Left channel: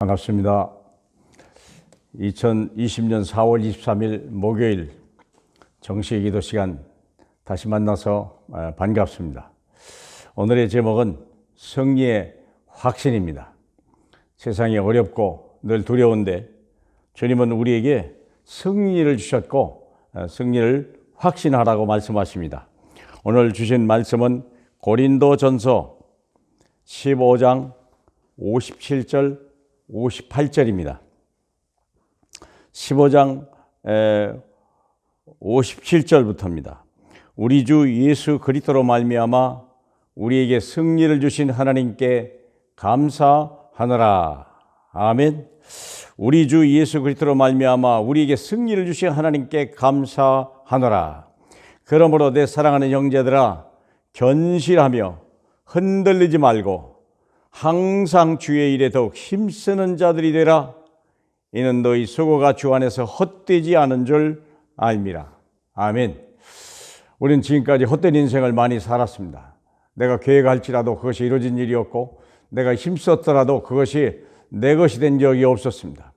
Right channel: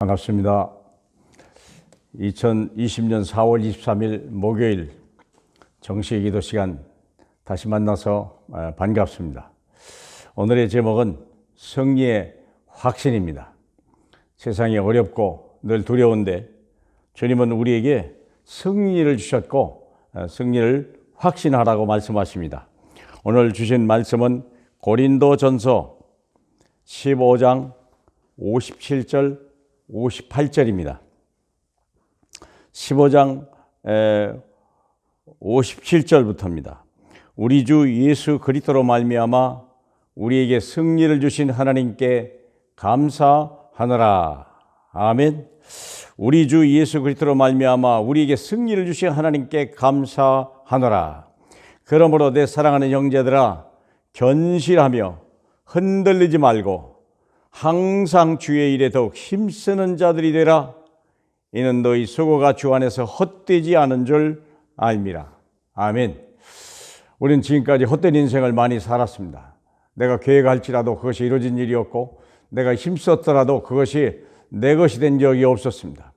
반갑습니다. 2020년 4월 23일 목요일 정식 기도 시간 다시 만나서 반갑습니다. 오늘의 제목은 승리의 확신입니다. 세상이 어렵고 늘 두려운데 주님은 우리에게 승리를 주셨고 승리를 확신하라고 말씀하십니다. 오늘 주신 말씀은 고린도전서 15장 57절 58절입니다. 15장 57절부터입니다. 우리 주 예수 그리스도로 말미암아 우리에게 승리를 주신 하나님께 감사하노라. 아멘. 우리 주 예수 그리스도로 말미암아 우리에게 승리를 주신 하나님께 감사하노라. 그러므로 내 사랑하는 형제들아, 견실하며 흔들리지 말고 항상 주의 일에 더욱 힘쓰는 자들이 되라. 이는 너희 수고가 주 안에서 헛되지 않은 줄 알미라. 아멘. 우리는 지금까지 헛된 인생을 많이 살았습니다. 내가 계획할지라도 그것이 이루어진 일이었고, 내가 힘썼더라도 그것이 내 것이 된 적이 없었습니다.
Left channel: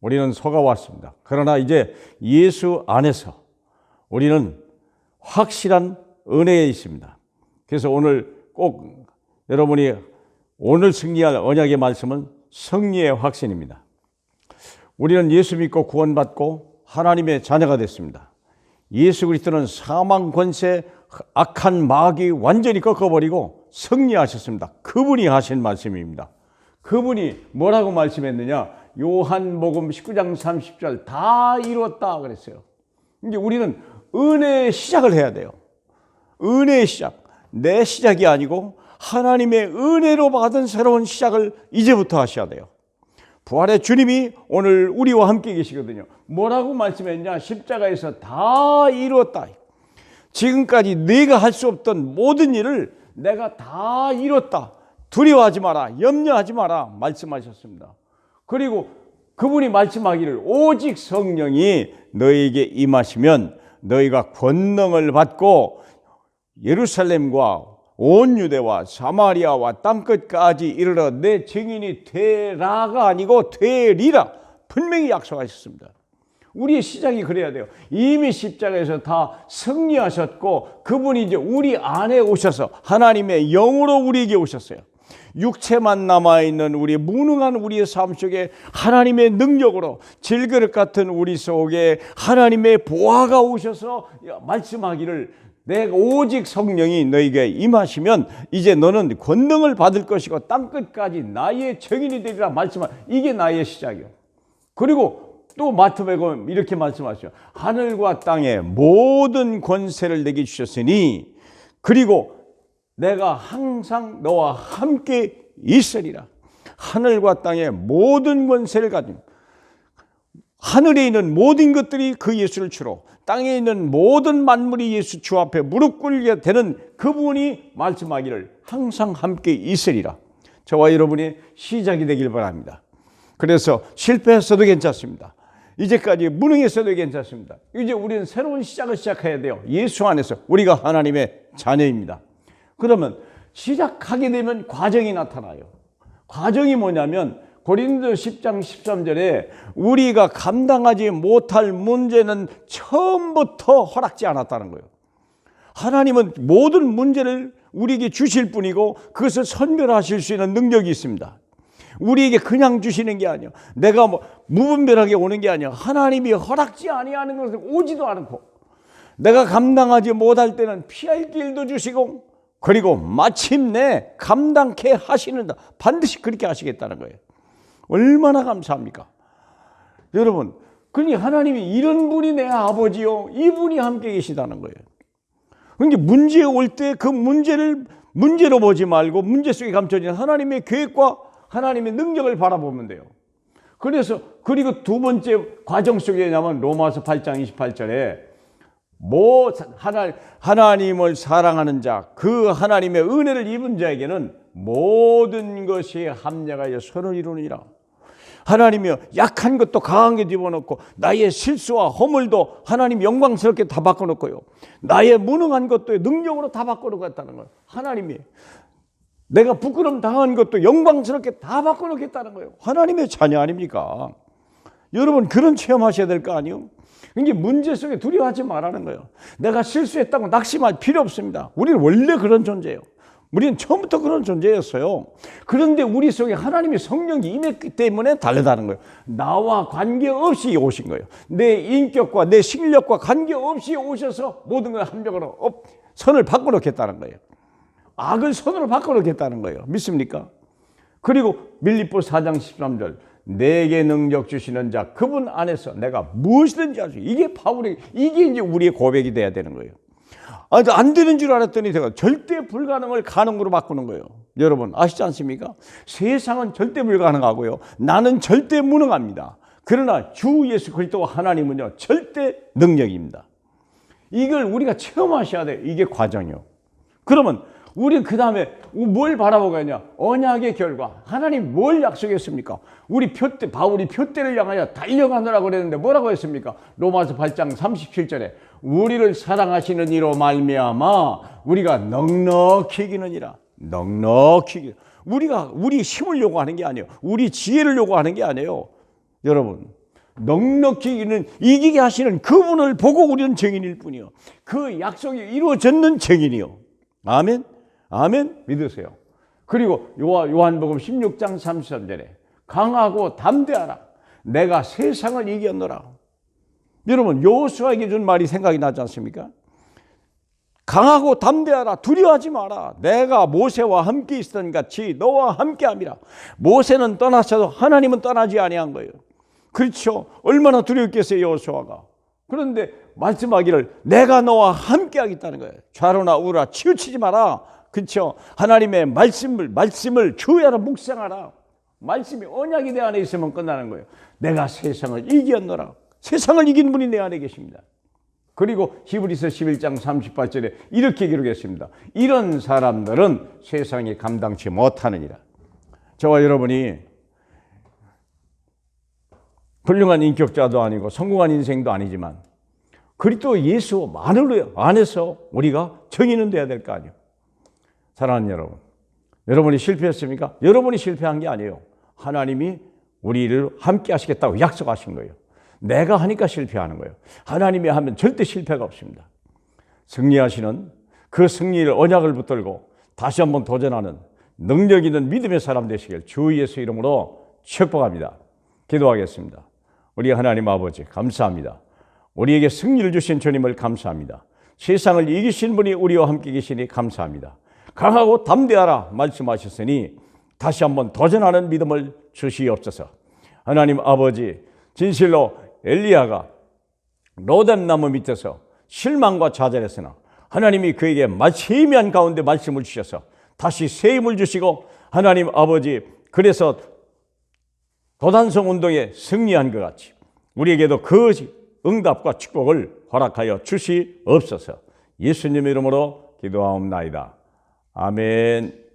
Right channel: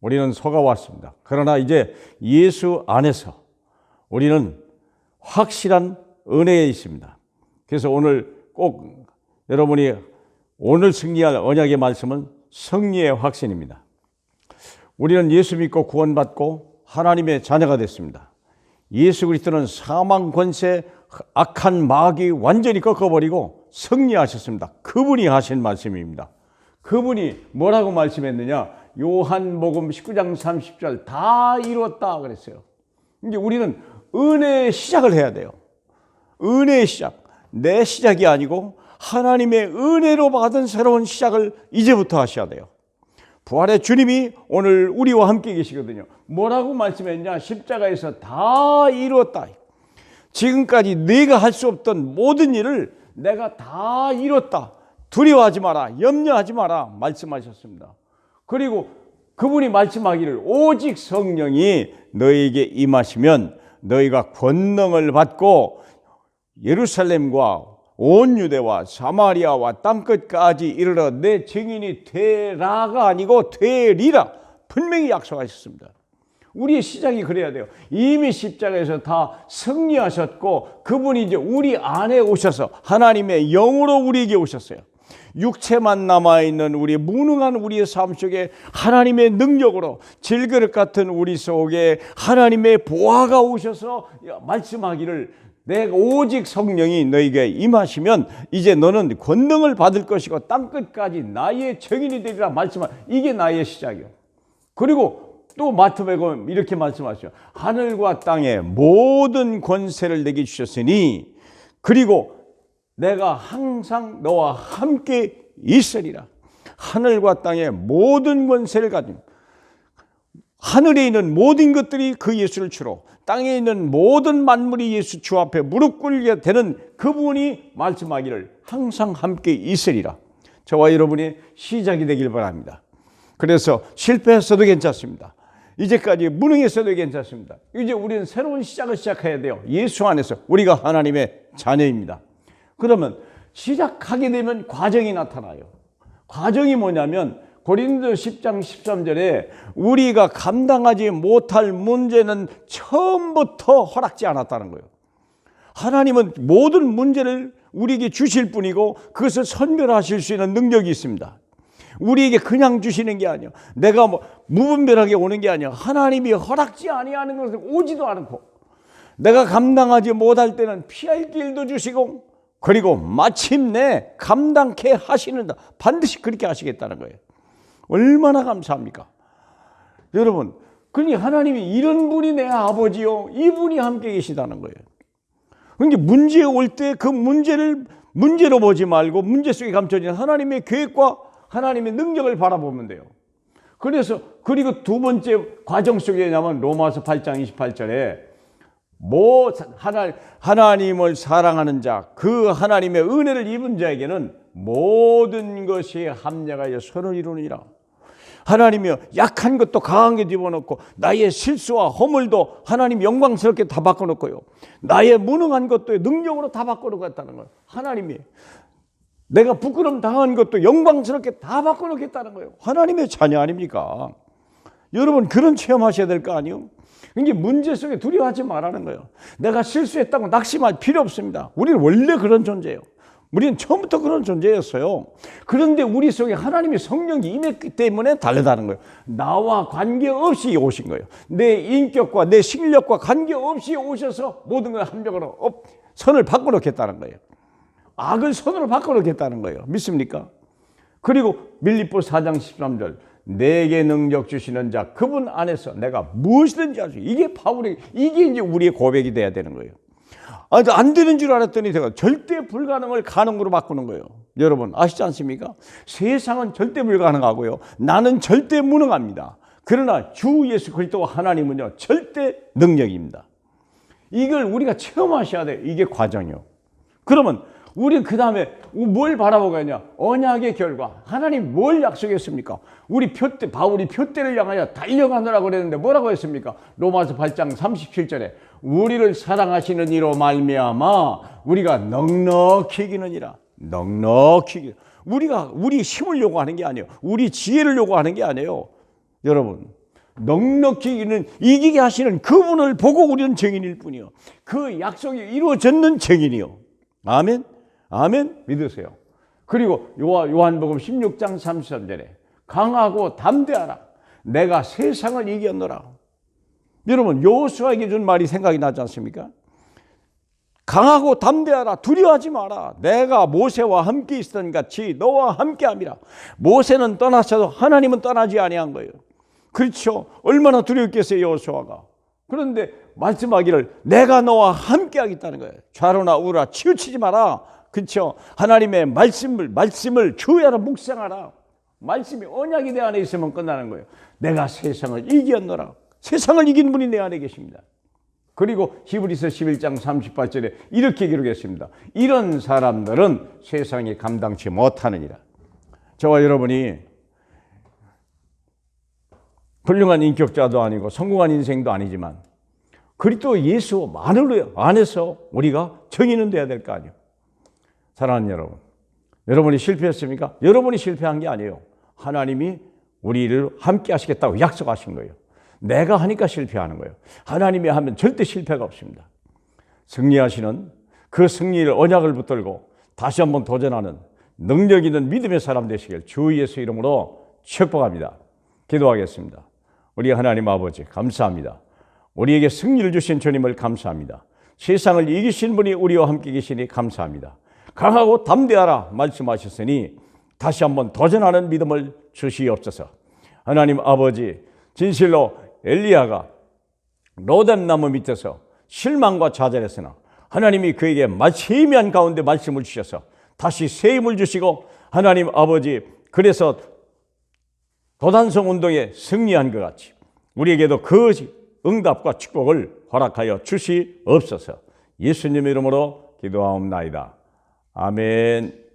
우리는 속아왔습니다. 그러나 이제 예수 안에서 우리는 확실한 은혜에 있습니다. 그래서 오늘 꼭 여러분이 오늘 승리할 언약의 말씀은 승리의 확신입니다. 우리는 예수 믿고 구원받고 하나님의 자녀가 됐습니다. 예수 그리스도는 사망 권세, 악한 마귀 완전히 꺾어버리고 승리하셨습니다. 그분이 하신 말씀입니다. 그분이 뭐라고 말씀했느냐? 요한복음 19장 30절 다 이루었다 그랬어요. 이제 우리는 은혜의 시작을 해야 돼요. 은혜의 시작. 내 시작이 아니고 하나님의 은혜로 받은 새로운 시작을 이제부터 하셔야 돼요. 부활의 주님이 오늘 우리와 함께 계시거든요. 뭐라고 말씀했냐? 십자가에서 다 이루었다. 지금까지 네가 할 수 없던 모든 일을 내가 다 이뤘다. 두려워하지 마라. 염려하지 마라. 말씀하셨습니다. 그리고 그분이 말씀하기를 오직 성령이 너희에게 임하시면 너희가 권능을 받고 예루살렘과 온 유대와 사마리아와 땅끝까지 이르러 내 증인이 되라가 아니고 되리라 분명히 약속하셨습니다. 우리의 시작이 그래야 돼요. 이미 십자가에서 다 승리하셨고 그분이 이제 우리 안에 오셔서 하나님의 영으로 우리에게 오셨어요. 육체만 남아있는 우리 무능한 우리의 삶 속에 하나님의 능력으로 질그릇 같은 우리 속에 하나님의 보화가 오셔서 말씀하기를 내가 오직 성령이 너에게 임하시면 이제 너는 권능을 받을 것이고 땅끝까지 나의 증인이 되리라 말씀한 이게 나의 시작이에요. 그리고 또 마태복음 이렇게 말씀하시죠. 하늘과 땅의 모든 권세를 내게 주셨으니 그리고 내가 항상 너와 함께 있으리라. 하늘과 땅의 모든 권세를 가진 하늘에 있는 모든 것들이 그 예수를 주로 땅에 있는 모든 만물이 예수 주 앞에 무릎 꿇게 되는 그분이 말씀하기를 항상 함께 있으리라. 저와 여러분의 시작이 되길 바랍니다. 그래서 실패했어도 괜찮습니다. 이제까지 무능했어도 괜찮습니다. 이제 우리는 새로운 시작을 시작해야 돼요. 예수 안에서 우리가 하나님의 자녀입니다. 그러면 시작하게 되면 과정이 나타나요. 과정이 뭐냐면 고린도 10장 13절에 우리가 감당하지 못할 문제는 처음부터 허락지 않았다는 거예요. 하나님은 모든 문제를 우리에게 주실 뿐이고 그것을 선별하실 수 있는 능력이 있습니다. 우리에게 그냥 주시는 게 아니야. 내가 무분별하게 오는 게 아니야. 하나님이 허락지 아니하는 것을 오지도 않고 내가 감당하지 못할 때는 피할 길도 주시고 그리고 마침내 감당케 하시는다. 반드시 그렇게 하시겠다는 거예요. 얼마나 감사합니까? 여러분, 그러니 하나님이 이런 분이 내 아버지요. 이분이 함께 계시다는 거예요. 그러니까 문제 올 때 그 문제를 문제로 보지 말고 문제 속에 감춰진 하나님의 계획과 하나님의 능력을 바라보면 돼요. 그래서 그리고 두 번째 과정 속에 나면 로마서 8장 28절에 하나님을 사랑하는 자, 그 하나님의 은혜를 입은 자에게는 모든 것이 합력하여 선을 이루느니라. 하나님이 약한 것도 강하게 집어넣고 나의 실수와 허물도 하나님 영광스럽게 다 바꿔놓고요. 나의 무능한 것도 능력으로 다 바꿔놓겠다는 거예요. 하나님이 내가 부끄럼 당한 것도 영광스럽게 다 바꿔놓겠다는 거예요. 하나님의 자녀 아닙니까? 여러분 그런 체험하셔야 될 거 아니에요? 이게 문제 속에 두려워하지 말라는 거예요. 내가 실수했다고 낙심할 필요 없습니다. 우리는 원래 그런 존재예요. 우리는 처음부터 그런 존재였어요. 그런데 우리 속에 하나님의 성령이 임했기 때문에 다르다는 거예요. 나와 관계없이 오신 거예요. 내 인격과 내 실력과 관계없이 오셔서 모든 걸 한벽으로 선을 바꿔놓겠다는 거예요. 악을 선으로 바꿔놓겠다는 거예요. 믿습니까? 그리고 밀립보 4장 13절 내게 능력 주시는 자 그분 안에서 내가 무엇이든지 할 수 있어요. 이게 바울의 이게 이제 우리의 고백이 돼야 되는 거예요. 안 되는 줄 알았더니 제가 절대 불가능을 가능으로 바꾸는 거예요. 여러분 아시지 않습니까? 세상은 절대 불가능하고요. 나는 절대 무능합니다. 그러나 주 예수 그리스도 하나님은요 절대 능력입니다. 이걸 우리가 체험하셔야 돼요. 이게 과정이요. 그러면 우리는 그 다음에 뭘 바라보고 있냐? 언약의 결과. 하나님 뭘 약속했습니까? 우리 표대, 바울이 표대를 향하여 달려가느라고 그랬는데 뭐라고 했습니까? 로마서 8장 37절에 우리를 사랑하시는 이로 말미암아 우리가 넉넉히 이기느니라. 넉넉히 이기. 우리가 우리 힘을 요구하는 게 아니에요. 우리 지혜를 요구하는 게 아니에요. 여러분 넉넉히 이기게 하시는 그분을 보고 우리는 증인일 뿐이요. 그 약속이 이루어졌는 증인이요. 아멘. 아멘 믿으세요. 그리고 요한복음 16장 33절에 강하고 담대하라 내가 세상을 이겼노라. 여러분 여호수아에게 준 말이 생각이 나지 않습니까? 강하고 담대하라 두려워하지 마라 내가 모세와 함께 있었던 같이 너와 함께함이라. 모세는 떠났어도 하나님은 떠나지 아니한 거예요. 그렇죠. 얼마나 두려웠겠어요 여호수아가. 그런데 말씀하기를 내가 너와 함께하겠다는 거예요. 좌로나 우로나 치우치지 마라. 그렇죠. 하나님의 말씀을 주야로 묵상하라. 말씀이 언약이 내 안에 있으면 끝나는 거예요. 내가 세상을 이겼노라. 세상을 이긴 분이 내 안에 계십니다. 그리고 히브리서 11장 38절에 이렇게 기록했습니다. 이런 사람들은 세상이 감당치 못하느니라. 저와 여러분이 훌륭한 인격자도 아니고 성공한 인생도 아니지만 그리스도 예수 안에서 우리가 정의는 돼야 될 거 아니에요. 사랑하는 여러분, 여러분이 실패했습니까? 여러분이 실패한 게 아니에요. 하나님이 우리를 함께 하시겠다고 약속하신 거예요. 내가 하니까 실패하는 거예요. 하나님이 하면 절대 실패가 없습니다. 승리하시는 그 승리를 언약을 붙들고 다시 한번 도전하는 능력 있는 믿음의 사람 되시길 주 예수 이름으로 축복합니다. 기도하겠습니다. 우리 하나님 아버지 감사합니다. 우리에게 승리를 주신 주님을 감사합니다. 세상을 이기신 분이 우리와 함께 계시니 감사합니다. 강하고 담대하라 말씀하셨으니 다시 한번 도전하는 믿음을 주시옵소서. 하나님 아버지 진실로 엘리야가 로뎀나무 밑에서 실망과 좌절했으나 하나님이 그에게 세미한 가운데 말씀을 주셔서 다시 새 힘을 주시고 하나님 아버지 그래서 도단성 운동에 승리한 것 같이 우리에게도 그 응답과 축복을 허락하여 주시옵소서. 예수님의 이름으로 기도하옵나이다. 아멘.